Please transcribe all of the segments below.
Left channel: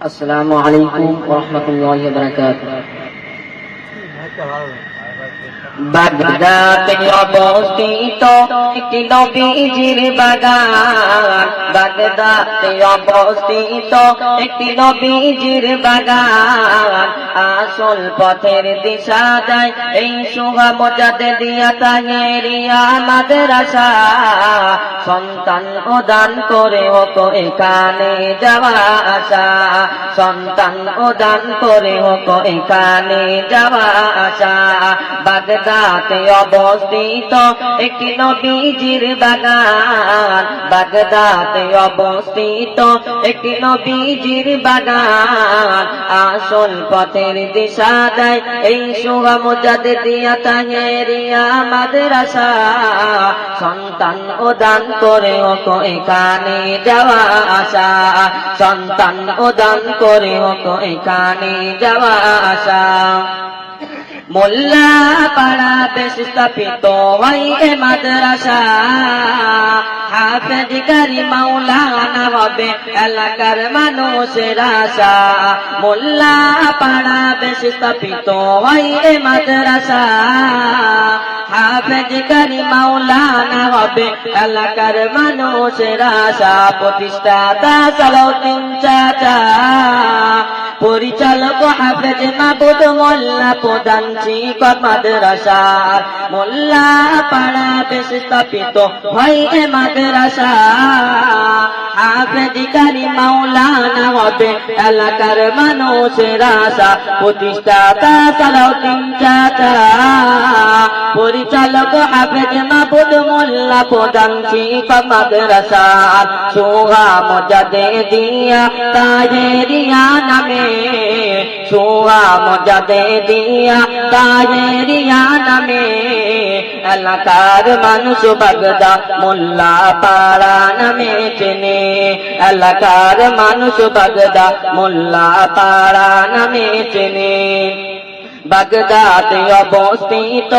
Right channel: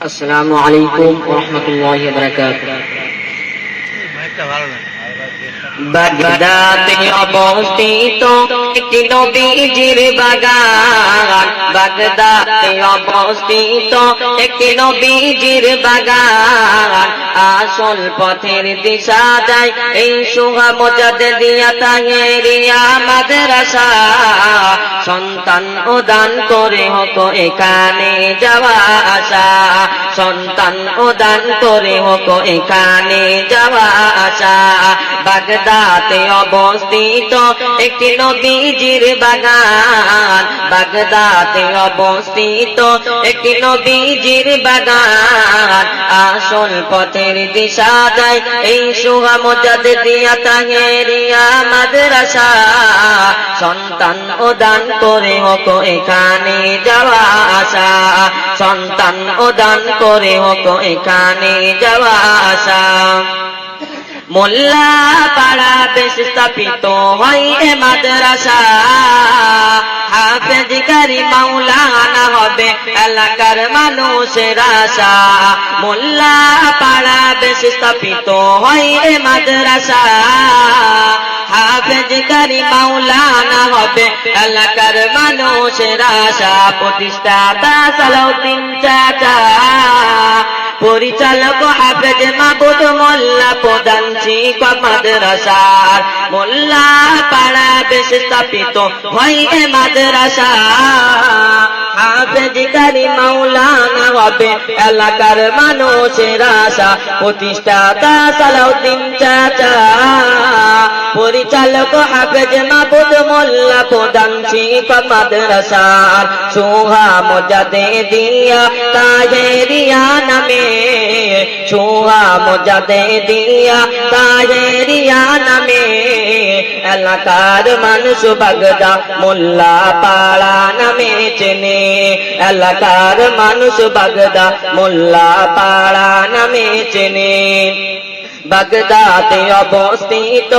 আসসালামু আলাইকুম রহমতুল্লাহ বারাকাত বাগদাতে অবস্থিত একটি নবীজির বাগান। বাগদাতে অবস্থিত একটি নবীজির বাগান। আসল পথের দিশা যায় এই সুহা মজাদে দিয়া তাহেরিয়া মাদ্রাসা। সন্তান ও দান করে হোক এখানে যাওয়া আসা। সন্তান ও দান করে হোক এখানে যাওয়া আসা। বাগদাতে অবস্থিত একটি নবীজির বাগান। বাগদাতে অবস্থিত একটি নবীজির বাগান। আসল পথের দিশা দেয় এই সুহা মুজাদ দিয়া তাহেরিয়া মাদ্রাসা। সন্তান ও দান করে হোক এখানে যাওয়া আসা, সন্তান ও দান করে হোক এখানে যাওয়া আসা। মোল্লা পাড়া বেশ স্থাপিত হয় এ মাদ্রাসা। হাফেজ মাওলানা হবে এলাকার মানুষের আশা। মোল্লা পাড়া বেশ স্থাপিত হয় এ মাদ্রাসা। হাফেজ কারি মাওলানা হবে এলাকার মানুষের আশা প্রতিষ্ঠাতা সালাউদ্দিন চাচা। পরিচালক হাফেজ মাহবুদ মোল্লা, প্রধান শিক্ষক মাদ্রাসার মোল্লা পাড়া বেশ স্থাপিত হয় এ মাদ্রাসা। হাফেজ কারি মাওলানা হবে এলাকার মানুষের আশা প্রতিষ্ঠাতা সালাউদ্দিন চাচা। পরিচালক হাফেজ মাহবুদ মোল্লা প্রধান শিক্ষক মাদ্রাসার সুহা মজাদে দিয়া তাহেরিয়া নামে। সুহা মজাদে দিয়া তাহেরিয়া নামে। এলাকার মানুষ বাগদা মোল্লা পাড়া নামে চেনে। এলাকার মানুষ বাগদা মোল্লা পাড়া নামে চেনে। বাগদাতে অবস্থিত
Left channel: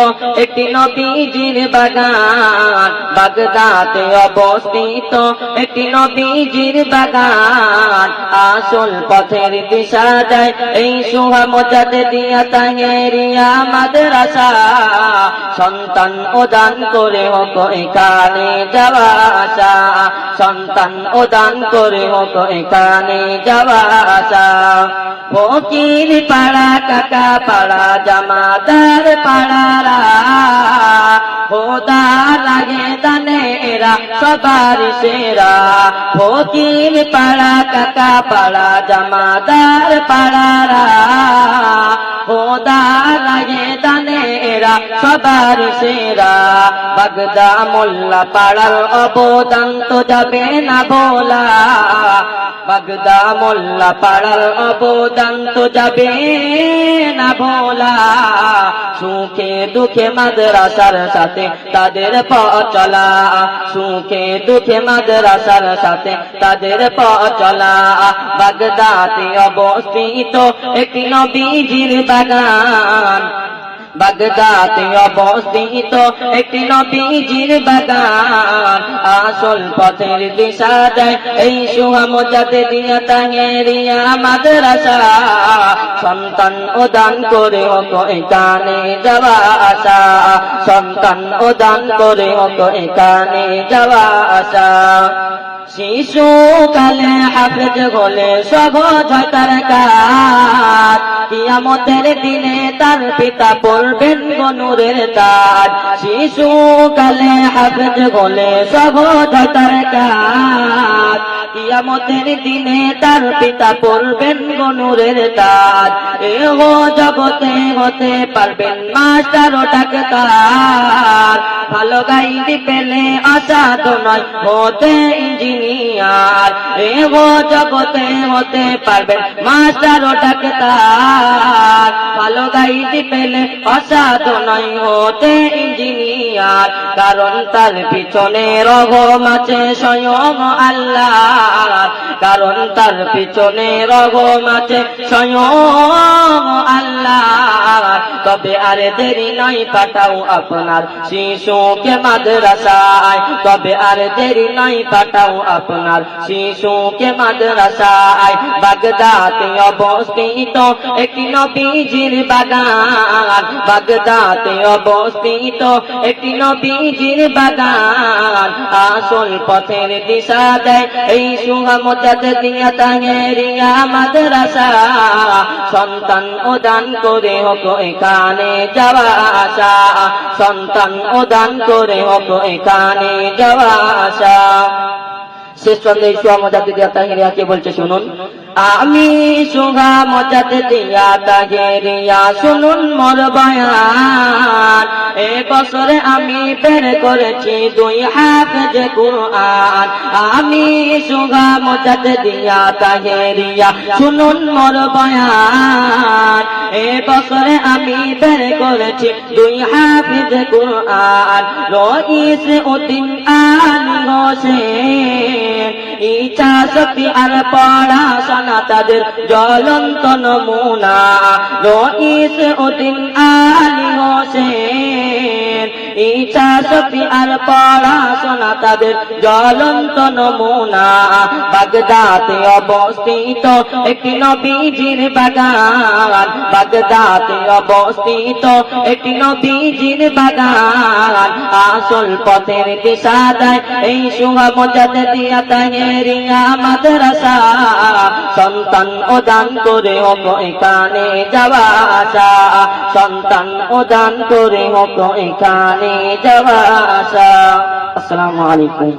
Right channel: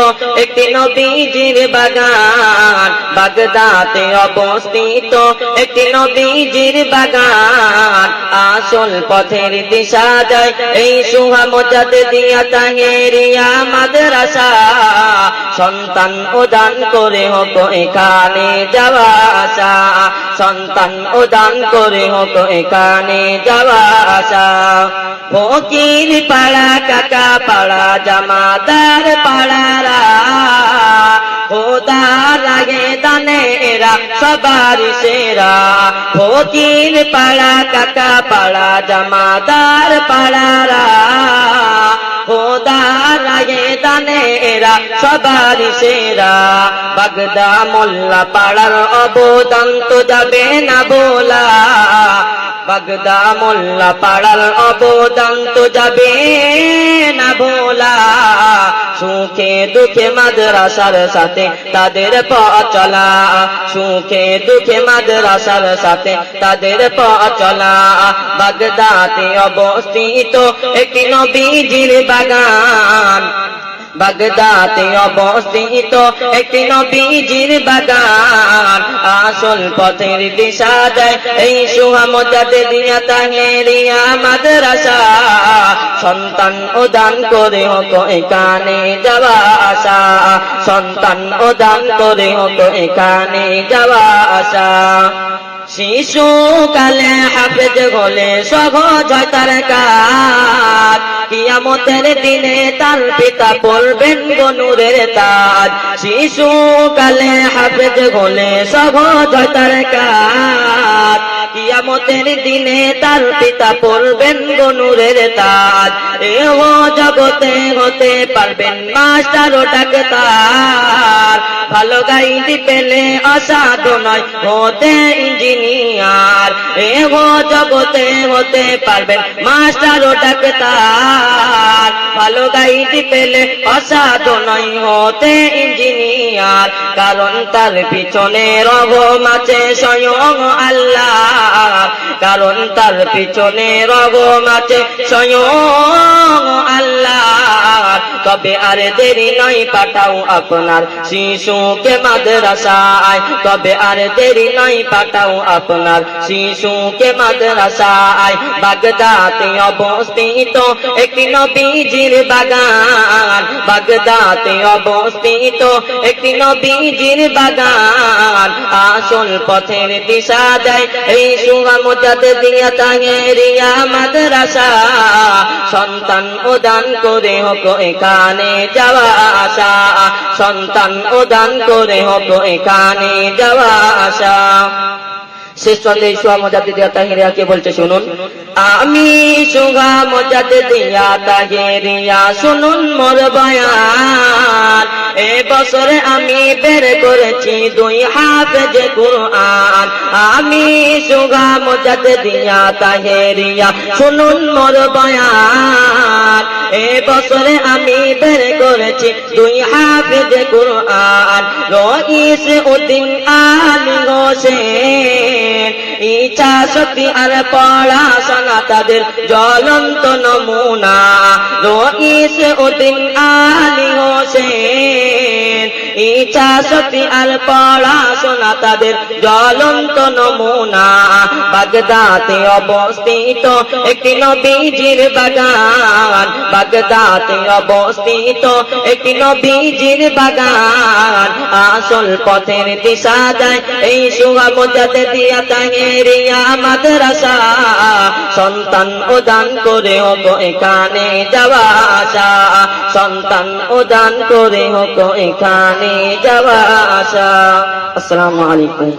একটি নবীজির বাগান। বাগদাতে অবস্থিত একটি নবীজির বাগান। আসল পথের দিশা যায় এই সুহা মোজাদ দিয়া তাহেরিয়া মাদ্রাসা। সন্তান ও দান করে হোক এখানে যাওয়া আসা। সন্তান ও দান করে হোক এখানে যাওয়া আসা। ফকির পাড়া, কাকা পাড়া, জামাদার পাড়ারা, খোদার লাগে দানে এরা সবার সেরা। ফকির পাড়া, কাকা পাড়া, জামাদার পাড়ারা খোদার লাগে দানে এরা, সবার সেরা। বাগদা মোল্লা পাড়ার অবদান তো যাবে না বলা বাগদা মোল্লা পাড়ার অবদান তো যাবে না ভোলা। সুখে দুঃখে মাদ্রাসার সাথে তাদের পথ চলা। সুখে দুঃখে মাদ্রাসার সাথে তাদের পথ চলা। বাগদাতে অবস্থিত একটি নবীজির বাগান। বাগদাতে অবস্থিত একটি নবীজির বাগান। আসল পথের দিশা দেয় এই সুহামদাতে দিয়া তাহেরিয়া মাদ্রাসা। সন্তান ও দান করে হতো এখানে যাওয়া আসা। সন্তান ও দান করে হতো এখানে যাওয়া আসা। শিশু কালে হাফেজ গলে সহজ তার কাজ। কিয়ামতের দিনে তার পিতা পড়বেন গনুরের তাজ শিশু কালে হাফেজ গলে সহজ তার কাজ। কিয়ামতের দিনে তার পিতা পড়বেন গনুরের তাজ এহ জগতে হতে পারবেন না তারটাকে তার। ভালো গাইডি পেলে অসাধ নয় হতে ইঞ্জিনিয়ার এ এহ জগতে হতে পারবেন মাস্টার ওটাকে তার ভালো গাইডি পেলে অসাধ নয় হতে ইঞ্জিনিয়ার, কারণ তার পিছনে রহম আছে স্বয়ং আল্লাহ। কারণ তার পিছনে রহম আছে স্বয়ং আল্লাহ। তবে আর দেরি নয়, পাঠাও আপনার শিশুকে মাদ্রাসায়। তবে আর দেরি নয়, পাঠাও আপনার শিশুকে মাদ্রাসায়। বাগদাতে অবস্থিত একটি নবীজির বাগান। বাগদাতে অবস্থিত একটি নবীজির বাগান। আসল পথের দিশা দেয় এই সুহামতাতে দিয়া তাঙেরিয়া মাদ্রাসা। সন্তান উদান করে হোক এখানে যাওয়া আসা, সন্তান উদান করে হোক এখানে যাওয়া আসা। শেষ দিয়া তাহিরিয়াকে বলছে শুনুন। আমি সুহা মজাতে দিয়া তাহিরিয়া, শুনুন মোর বয়ান এ বছরে আমি বের করেছি দুই হাফেজ কুরআন। আমি সুগা মজাত দিয়া তাহেরিয়া, শুনুন মোর বয়ান। এ বছরে আমি বের করেছি দুই হাফেজ কুরআন। রইস উদ্দিন আলী হোসেন, ইচ্ছা শক্তি আর পড়াশোনা তাদের জ্বলন্ত নমুনা। রইস উদ্দিন আলী হোসেন ইচ্ছা শক্তি আর পড়াশোনা তাদের জ্বলন্ত নমুনা। বাগদাতে অবস্থিত একটি নবীজির বাগান। বাগদাতে অবস্থিত। একটি নবীজির বাগান, আসল পথের দিশা দেয় এই সুহামতাতে দিয়া তাঙেরিয়া মাদ্রাসা। সন্তান উদান করে হক এখানে যাওয়া আসা। সন্তান উদান করে হক এখানে যাওয়া আসা। আসসালামু আলাইকুম।